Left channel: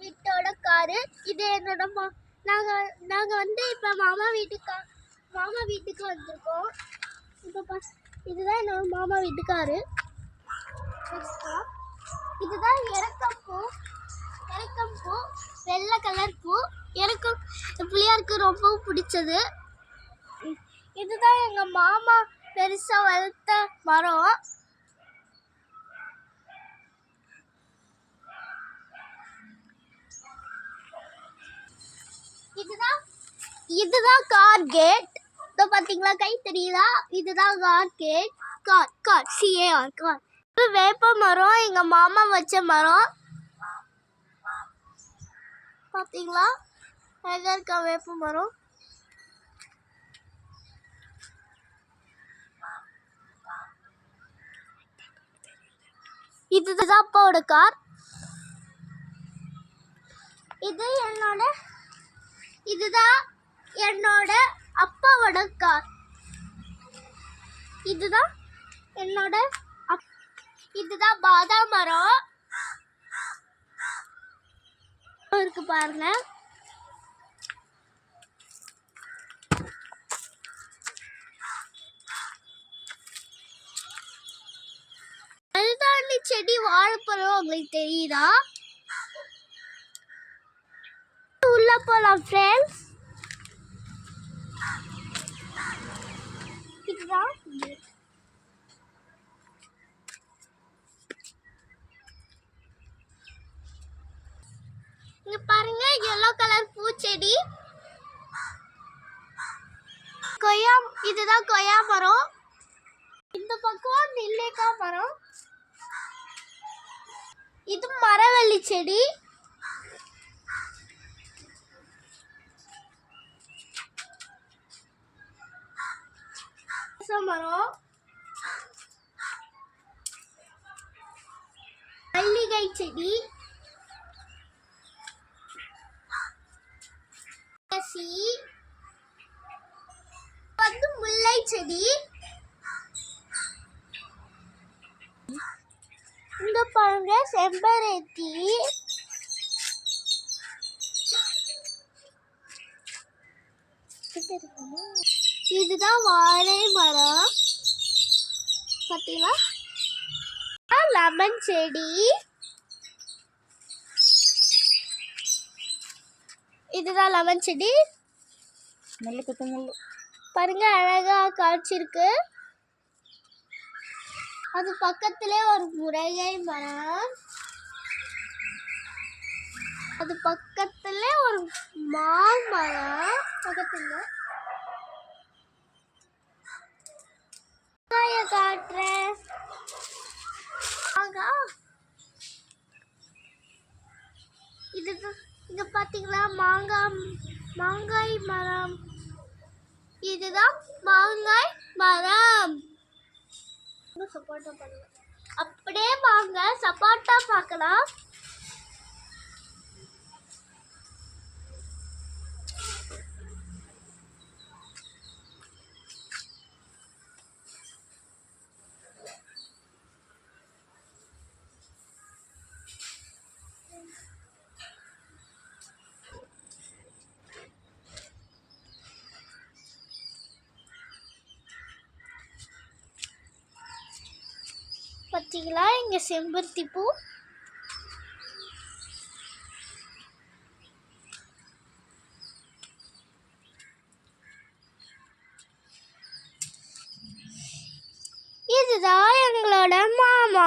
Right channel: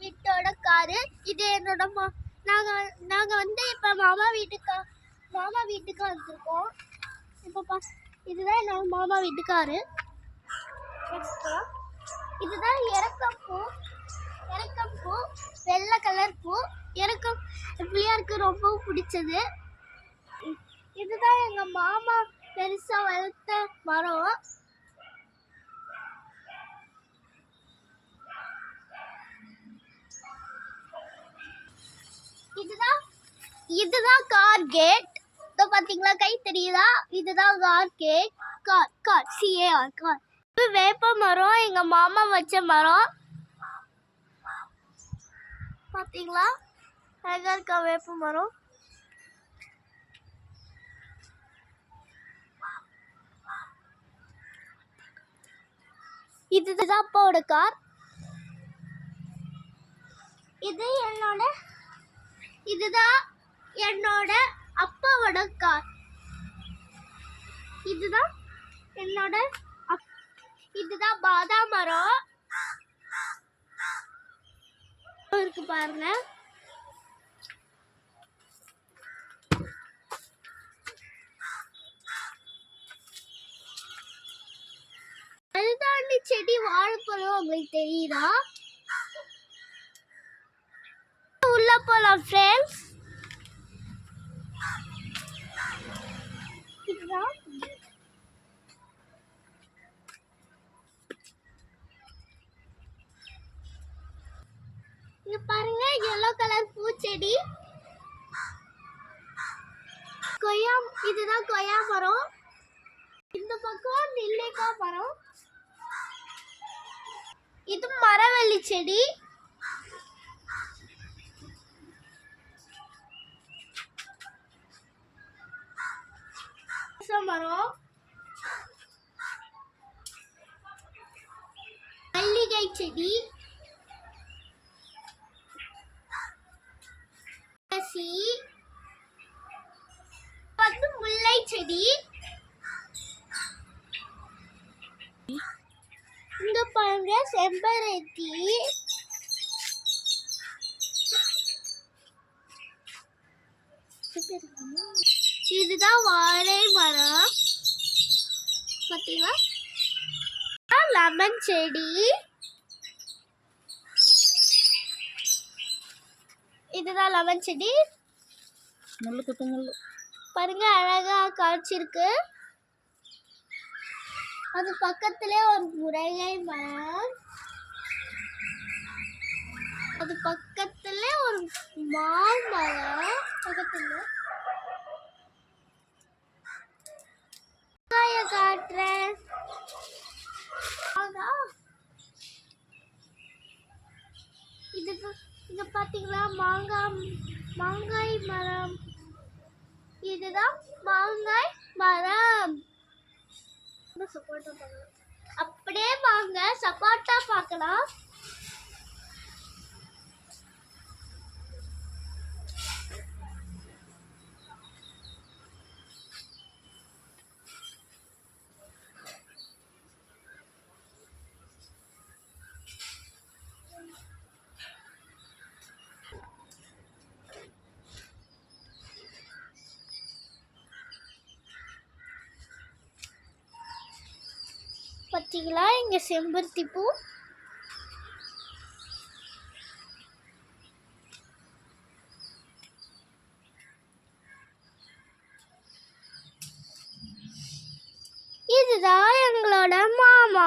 வீட்டோட காரு. இது என்னோட நாங்கள் வந்து இப்போ மாமா வீட்டுக்கு வந்திருக்கோம். இப்போ இதுதான் என்னோட மாமா வீட்டுக்காரு. இதுதான் இறக்கப்பூ, வெள்ளை கலர் பூ. எனக்கு பிள்ளையாருக்கு ரொம்ப பிடிச்சது. இதுதான் எங்கள் மாமா பெருசாக வளர்த்த மரம். இதுதான் கார் கேட். இதோ பார்த்தீங்களா, கை தெரியுதா? இதுதான் car gate. Car C A R car. இது வேப்ப மரம், எங்கள் மாமா வச்ச மரம். பார்த்தீங்களா, அழகா இருக்கா வேப்ப மரம். இதுதான் அப்பாவோட கார். இதுதான் என்னோட அப்பாவோட கார். இதுதான் பாதாம் மரம் இருக்கு பாருங்க. மருதாணி செடி, வாழைப்பழம் உங்களுக்கு தெரியுதா? உள்ள போலாம் ஃப்ரெண்ட்ஸ். இதுதான் இங்க பாருங்க, yellow கலர் பூச்செடி. இதுதான் கொய்யா மரம். இந்த பக்கம் நெல்லிக்காய் மரம். இது மரவள்ளி செடி. மரம், மல்லிகை செடி, வந்து முல்லை செடி. இங்க பாருங்க செம்பருத்தி. இதுதான் வாழை மரம். பார்த்தீங்களா, லெமன் செடி. இதுதான் லெமன் செடி. முள்ளு பாருங்க, அழகா காய்ச்சிருக்கு. அது பக்கத்திலே ஒரு முருங்கை மரம். அது பக்கத்துல ஒரு மாமரம். பக்கத்துல காட்டுறேன். இதுக்கு இங்க பாத்தீங்களா, மாங்காய் மரம். இதுதான் மாங்காய் மரம். சப்போட்டா பண்ணலாம். அப்படியே வாங்க சப்போட்டா பார்க்கலாம். பார்த்தீங்களா, இங்க செம்பருத்தி பூ. இதுதான் எங்களோட மாமா